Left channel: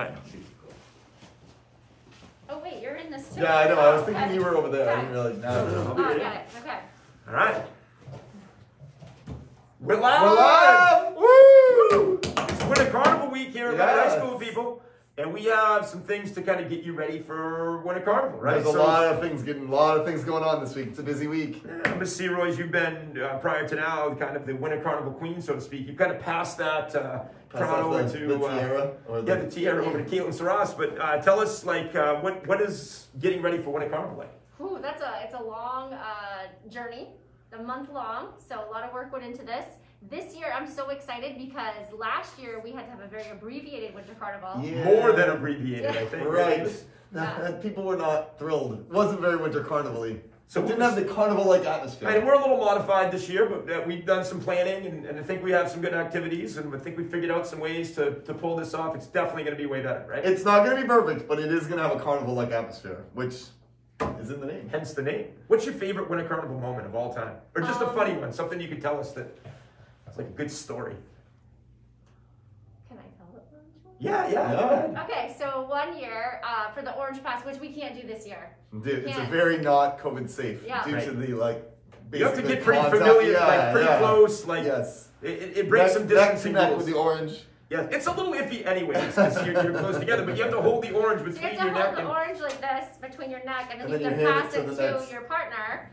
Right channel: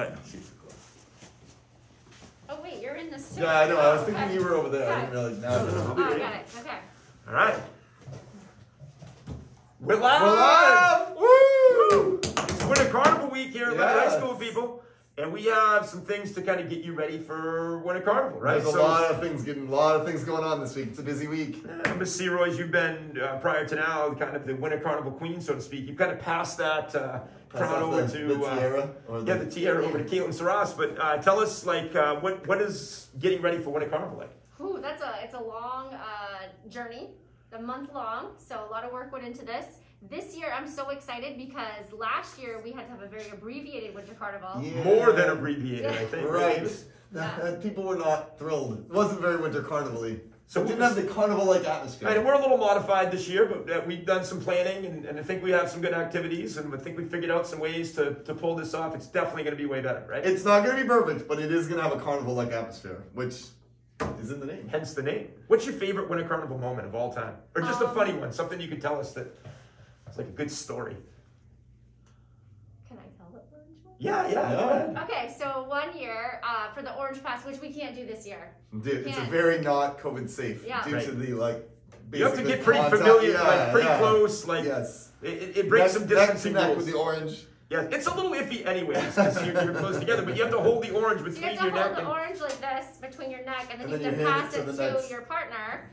Okay. Oh wait, you're in this too. Yeah, I know. I was thinking you were over there. I didn't realize. No, I got it. Okay. All right. We're live! We're live! Woo! It's Winter Carnival week here at High School, people. And we have some things to kind of get you ready for Winter Carnival, right? There's a lot of things going on this week. It's a busy week. Miss Searoy's, you've been, prior to now, kind of the Winter Carnival queen, so to speak. You've kind of passed that crown over to... the tiara? The tiara over to Caitlin Saras. But tell us, like, what is getting ready for Winter Carnival like? Ooh, it's a long journey, a month long, so a lot of work went into this. This year, I'm so excited because last year we had to have a very abbreviated Winter Carnival. Yeah. More than abbreviated, I think. Right. Yeah. People were not thrilled. It wasn't very Winter Carnival-y. So it didn't have the carnival-like atmosphere. And we're a little modified this year, but we've done some planning, and I think we have some good activities, and I think we figured out some ways to pull this off. It's definitely going to be way better, right? It's not going to be perfect, but it is going to have a carnival-like atmosphere, which is in the name. Hence the name. What's your favorite Winter Carnival moment of all time? Or just a funny one, something you could tell us that it's like a good story. Can I tell it? Yeah. Okay, so one year for the Orange Pass, which we can't do this year. Dude, it's a very not COVID safe due to the you have to get pretty familiar, pretty close, yes. It breaks some distancing rules. With the orange. Yeah, it's a little iffy anyways, because you're close together, but you have to hold the orange between your neck. You have to hold the orange like this between your neck, and then you have to pass it to your partner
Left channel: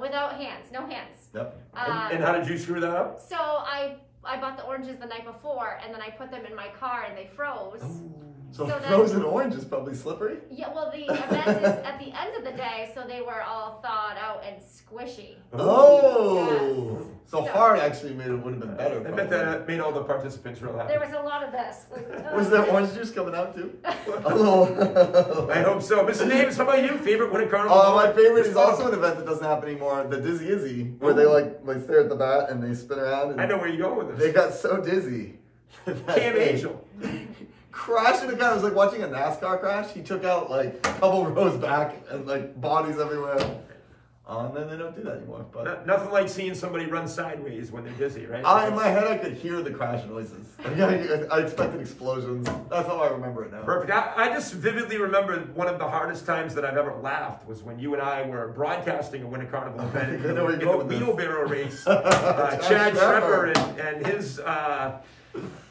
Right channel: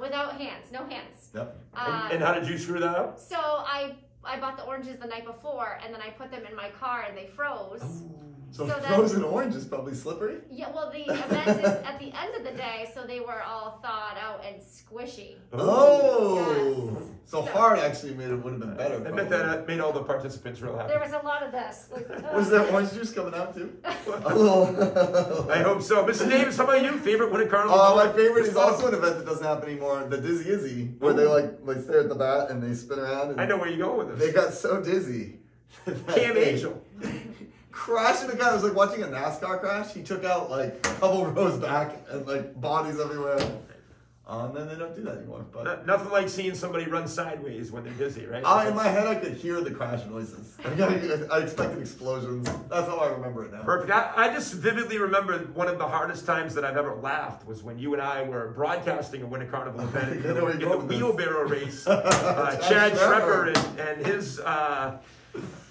without hands, no hands. Yep. And how did you screw that up? So I bought the oranges the night before, and then I put them in my car, and they froze. So frozen orange is probably slippery? Yeah, well, the event is at the end of the day, so they were all thawed out and squishy. Oh! Yes. So hard actually would have been better. I bet that made all the participants real happy. There was a lot of this. Was there orange juice coming out too? A little. I hope so. Mr. Davis, how about you? Favorite Winter Carnival? My favorite is also an event that doesn't happen anymore, the Dizzy Izzy, where they like stare at the bat and they spin around. And I know where you're going with this. They got so dizzy. Cam Angel. Crashing the car. It was like watching a NASCAR crash. He took out like a couple rows back and like bodies everywhere. And then they don't do that anymore. But nothing like seeing somebody run sideways when they're dizzy, right? In my head, I could hear the crash noises. I expected explosions. That's how I remember it now. Perfect. I just vividly remember one of the hardest times that I've ever laughed was when you and I were broadcasting a Winter Carnival event in the wheelbarrow race. Chad Schreber and his...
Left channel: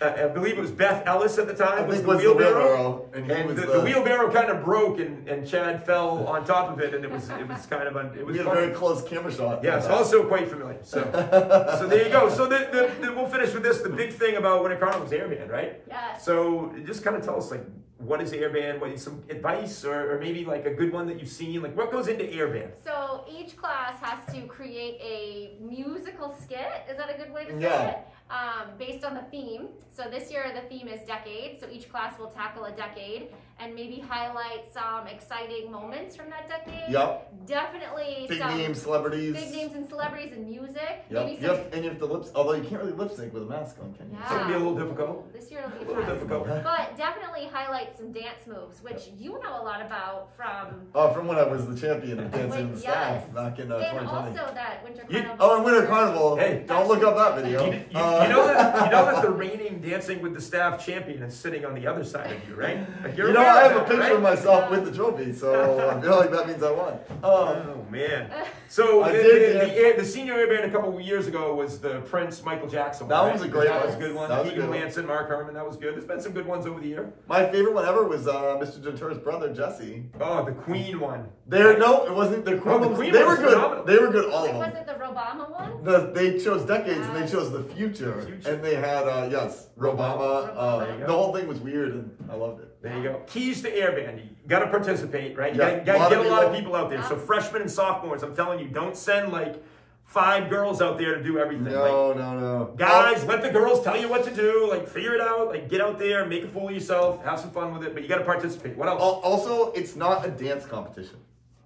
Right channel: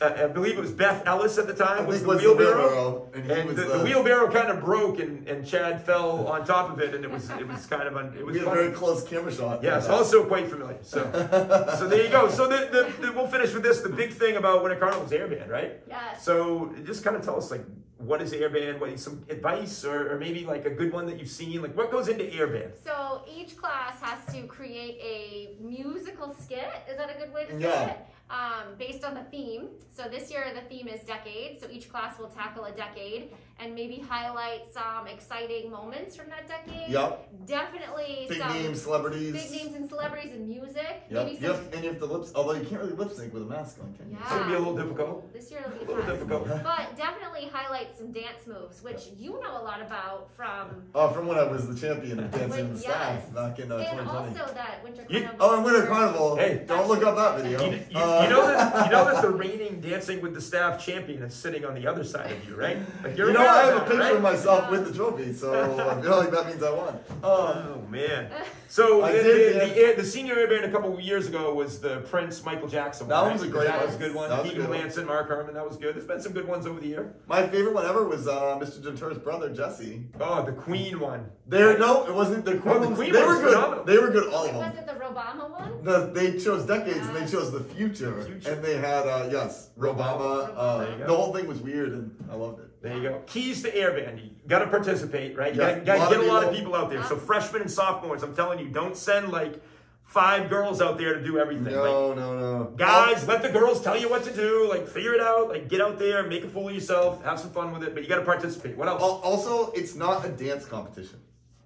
I believe it was Beth Ellis at the time was the wheelbarrow, and the wheelbarrow kind of broke, and Chad fell on top of it, and it was kind of we had a very close camera shot. Yes, also quite familiar. So there you go. So we'll finish with this. The big thing about Winter Carnival is airband, right? Yes. So just kind of tell us like what is airband? What is some advice or maybe like a good one that you've seen? Like what goes into airband? So each class has to create a musical skit. Is that a good way to say it? Based on the theme. So this year the theme is decade. So each class will tackle a decade and maybe highlight some exciting moments from that decade. Yep. Definitely big names, celebrities. Big names and celebrities and music. Yep. You have to although you can't really lip sync with a mask on, can you? Yeah. So it'll be a little difficult. This year it'll be a little difficult. But definitely highlight some dance moves, which you know a lot about from... from when I was the champion of dancing with staff back in 2020. And also that Winter Carnival. Winter Carnival. Hey, don't look up that video. You know that the reigning Dancing with the Staff champion is sitting on the other side of you, right? Like I have a picture of myself with the trophy, so I feel like that means I won. Oh man! So the senior airband a couple of years ago was the Prince Michael Jackson one. That one was a great one. That was a good one. Keegan Lanson, Mark Herman, that was good. There's been some good ones over the year. My favorite one ever was Mr. Gentura's brother Jesse. Oh, the Queen one. No, it wasn't the Queen. The Queen they one were good. phenomenal. They were good. All of them. Was it the Robama one? They chose decades and they chose the future. And they had Robama. The whole thing was weird and I loved it. There you go. Keys to airband. You got to participate, right? You got to get a lot of people out there. So freshmen and sophomores, I'm telling you, don't send like 5 girls out there to do everything. No. Guys, let the girls tell you what to do. Like, figure it out. Like, get out there, make a fool of yourself, have some fun with it. But you got to participate. What else? Also, it's not a dance competition.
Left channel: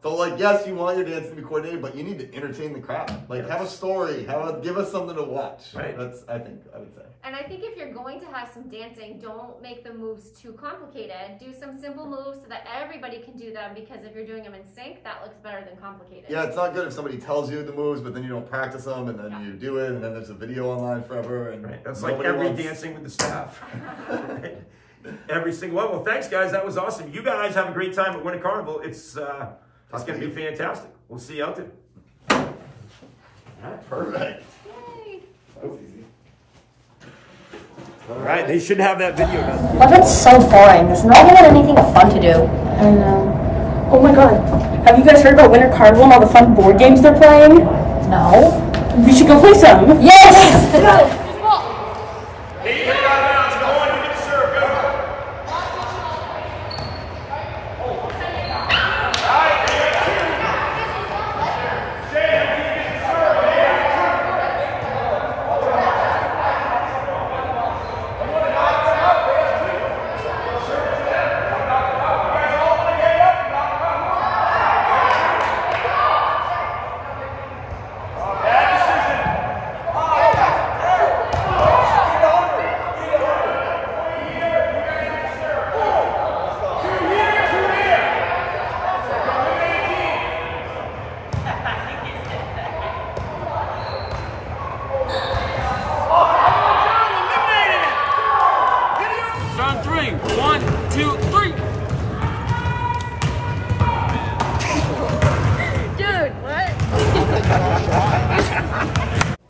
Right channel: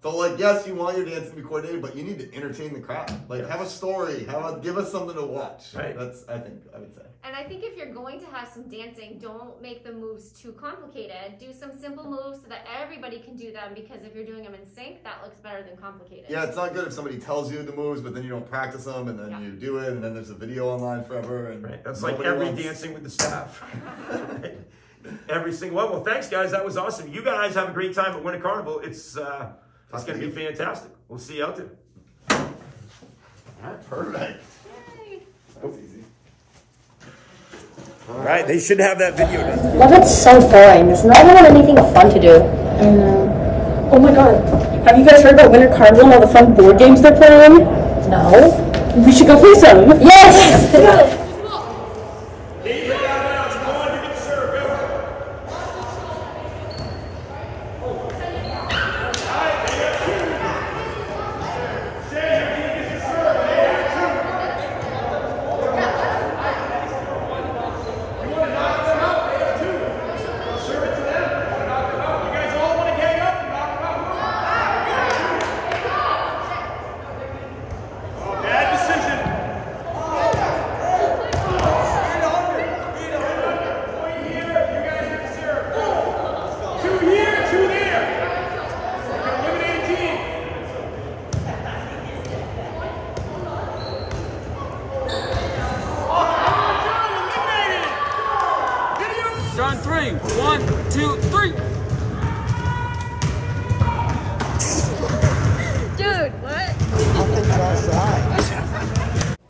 So, like, yes, you want your dance to be coordinated, but you need to entertain the crowd. Like, have a story. Give us something to watch. Right. That's, I would say. And I think if you're going to have some dancing, don't make the moves too complicated. Do some simple moves so that everybody can do them, because if you're doing them in sync, that looks better than complicated. Yeah, it's not good if somebody tells you the moves, but then you don't practice them, and then you do it, and then there's a video online forever. And that's like every Dancing with the Staff. every single one. Well, thanks, guys. That was awesome. You guys have a great time at Winter Carnival. It's going to be fantastic. We'll see you out there. All right, perfect. That was easy. All right, they should have that video done. Well, that's so boring. There's not even anything fun to do. I know. Oh my god. Have you guys heard about Winter Carnival and all the fun board games they're playing? No. We should go play some. Yes! On 3. 1, 2, 3. Dude, what?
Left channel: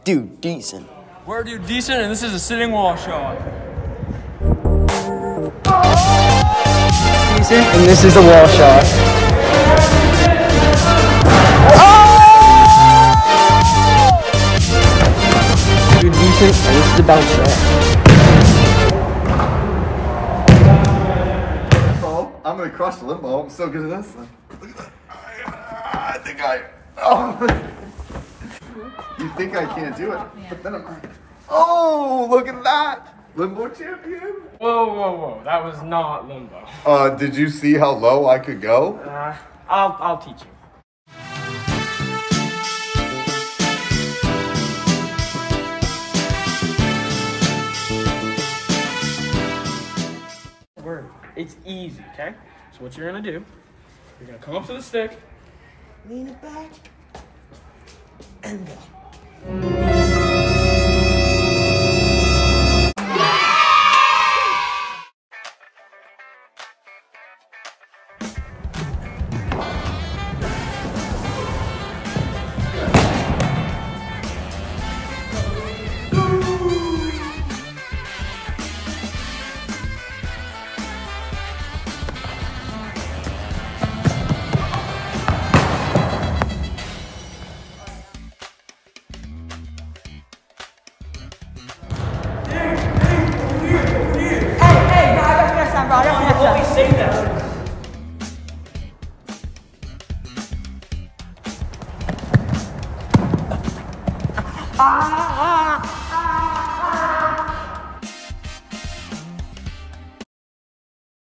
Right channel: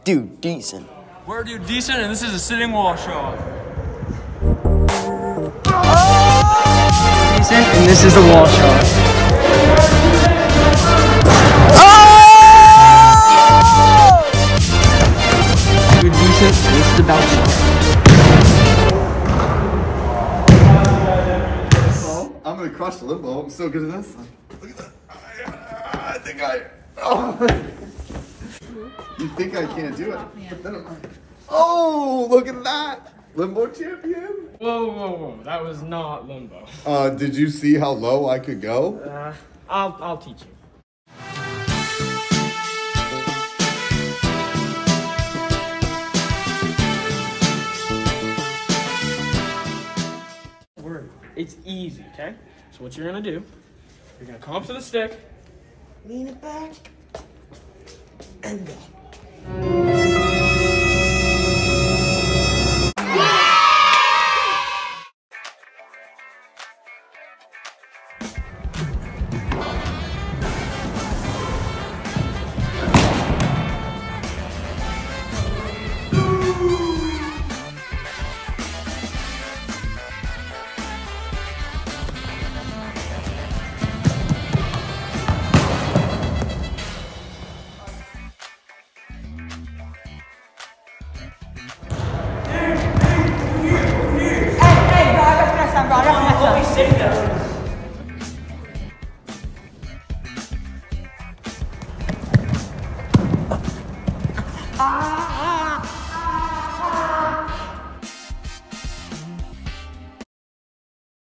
Dude, decent. We're Dude Decent, and this is a sitting wall shot. Decent, and this is the wall shot. Dude Decent, and this is the bounce shot. I'm gonna crush the limbo. I'm so good at this. Look at that. I think oh. You think I can't do it, but then I'm like, oh, look at that. Limbo champion. Whoa, whoa, whoa. That was not limbo. Did you see how low I could go? I'll teach you. It's easy, okay? So what you're gonna do, you're gonna come up to the stick, lean it back, and go. Say that. Ah!